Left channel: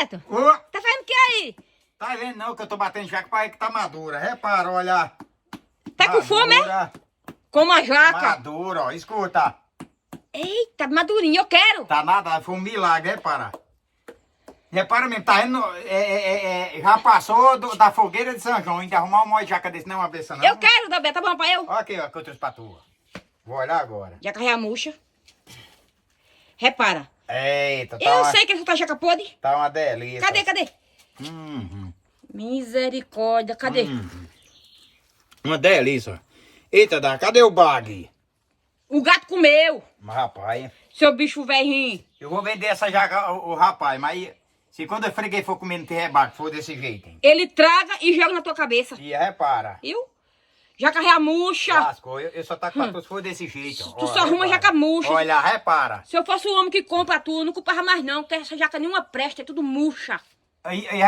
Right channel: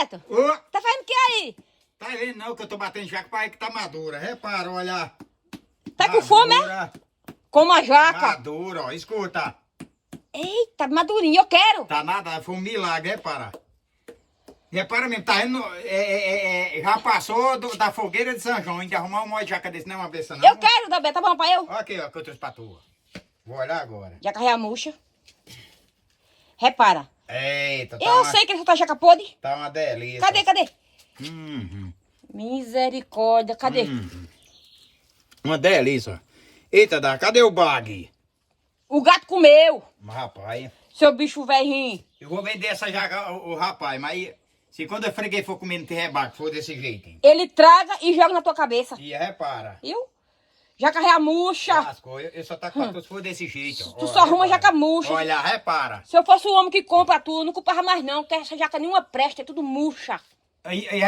Beto, Ô, tá fazendo o que aí? tá vendo não que eu tô batendo jaca pra aí que tá madura. Repara, olha. Tá com fome, é? Madura, Como a jaca. madura, ó. Escuta. Eita, madurinho, eu quero. Tá nada, foi um milagre, repara. Repara mesmo, tá vendo? Já passou da fogueira de São João. Ainda arrumar uma jaca desse não é uma vez não. Eu quero, da Beto, tá bom pra eu? Olha aqui, ó, que eu trouxe pra tu. Vou olhar agora. Jaca reamuxa. Repara. Eita, tá Eu uma, sei que essa tá jaca podre. tá uma delícia. Cadê? Uhum. Misericórdia, cadê? Uma delícia. Eita, cadê o bag? O gato comeu. Mas, rapaz, Seu bicho velhinho. eu vou vender essa jaca, o rapaz, mas se quando eu freguei for comer no terrebaque, for desse jeito, hein? Ele traga e joga na tua cabeça. E repara. Viu? Jaca reamuxa. Lascou, eu só tá com tu se for desse jeito, ó. Tu só arruma repara. jaca murcha. Olha, repara. Se eu fosse o homem que compra tu, não comprava mais não, porque essa jaca nenhuma presta, é tudo murcha. E